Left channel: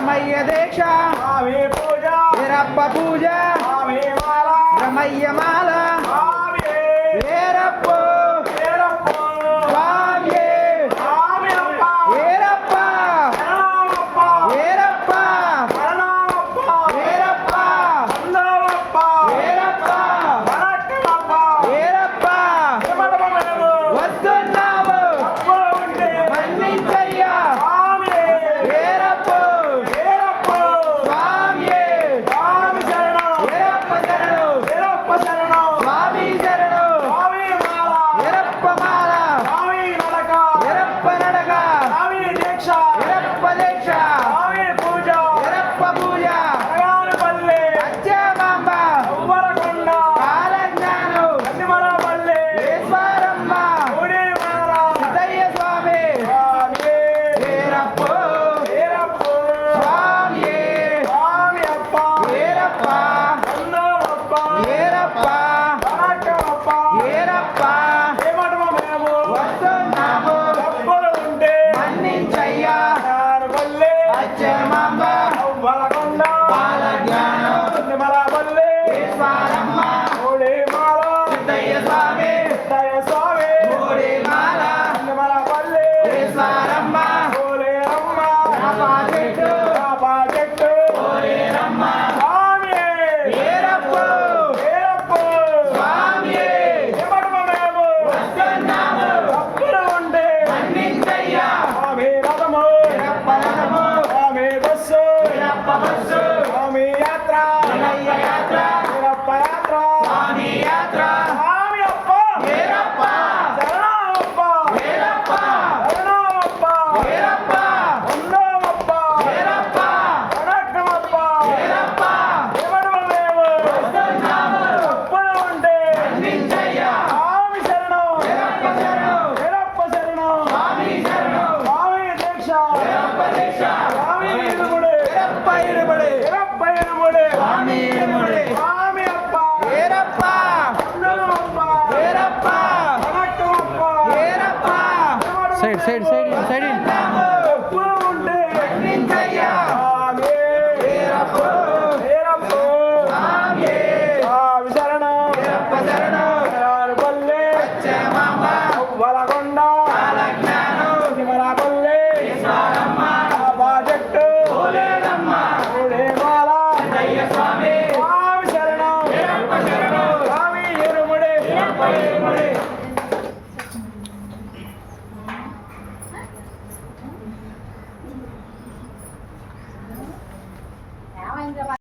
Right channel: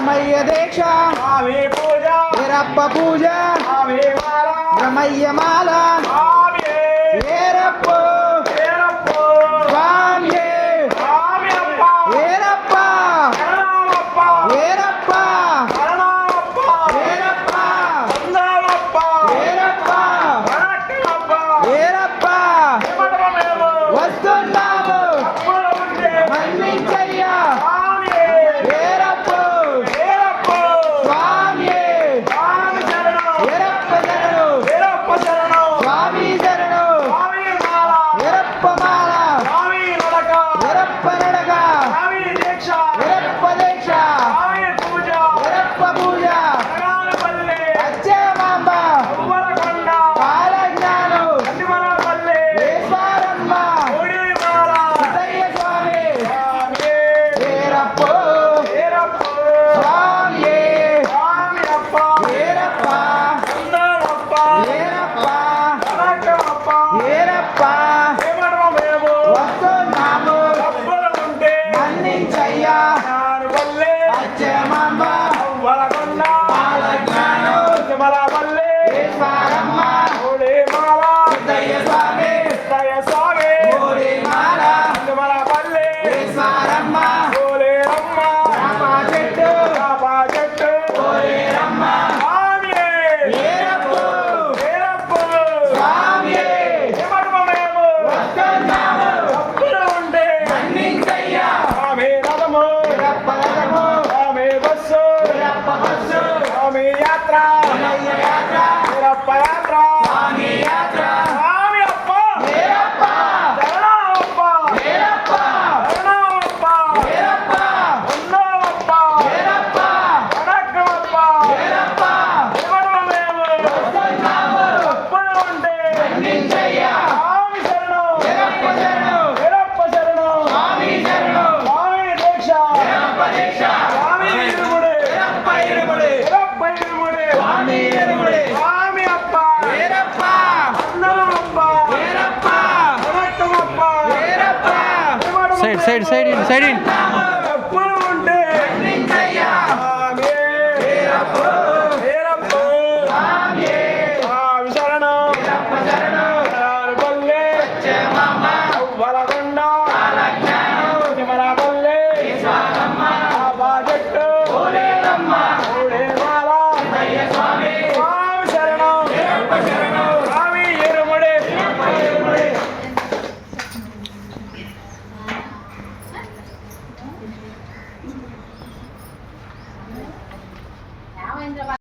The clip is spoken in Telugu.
రమయ్య దీక్ష స్వామి పూజ వీరప్ప పూజ స్వామి మాల రమయ్య మాల స్వామి వీరప్ప స్వామి స్వామి అప్ప వీరప్ప శరణమప్ప వీరప్ప శరణమప్ప వీరప్ప సందాలప్ప వీరప్ప వనక్కమప్ప వీరప్ప ఇమ్మడమేమో వస్తున్నాము అప్పుడు ఉంటే మన్నించయ్యా స్వామి వీరప్ప వీరప్ప స్వామి స్వామి శరణం వీరప్ప శరణు వీరప్ప శరణం స్వామి శరణు స్వామి మాల వీరప్ప మాల స్వామి నడక వీరప్ప నడక స్వామి దీక్ష వీరప్ప దీక్ష స్వామి పూజ వీరప్ప పూజ నగాలపల్లి అచ్చమాంబ ఉవ్వరకొండ కాలజ్ఞానం కన్నిమలపల్లి వేసారమ్మ ఊడి మాల సిద్ధయ్య స్వామి స్వామి వీరప్ప వీరప్ప స్వామి స్వామి అప్ప వీరప్ప సందాలప్ప వీరప్ప వనక్కమప్ప వీరప్ప ఇమ్మడమేమో వస్తున్నాము అప్పుడు ఉంటే మన్నించయ్యా నగాలపల్లి అచ్చమాంబ ఉవ్వరకొండ కాలజ్ఞానం కన్నిమలపల్లి వేసారమ్మ ఊడి మాల సిద్ధయ్య స్వామి దయ స్వామి ఊరి మాల కన్నిమలపల్లి వేసారమ్మ ఊరేరమ్మ రామ చెట్టు బాబా చెట్టు ఊరేరమ్మ స్వామి వీరప్ప వీరప్ప స్వామి ఇమ్మడమేమో వస్తున్నాము అప్పుడు ఉంటే మన్నించయ్యా స్వామి రథము వీరప్ప రథము స్వామి బస్సు వీరప్ప బస్సు స్వామి యాత్ర వీరయ్య యాత్ర వీరప్ప యాత్ర స్వామి యాత్ర స్వామి అప్ప వీరప్ప శరణమప్ప వీరప్ప శరణమప్ప వీరప్ప ఉన్నమప్ప వీరప్ప వనక్కమప్ప వీరప్ప ఇమ్మడమేమో వస్తున్నాము అప్పుడు ఉంటే మన్నించయ్యా స్వామి శరణం వీరప్ప శరణు వీరప్ప శరణం స్వామి శరణు స్వామి దీక్ష వీరప్ప దీక్ష స్వామి ఇరుముడి వీరప్ప ఇరుముడి వీరప్ప ఇరుముడి స్వామి ఇరుముడి స్వామి అప్ప వీరప్ప అందరప్ప వీరప్ప వనక్కమప్ప వీరప్ప side side side in side in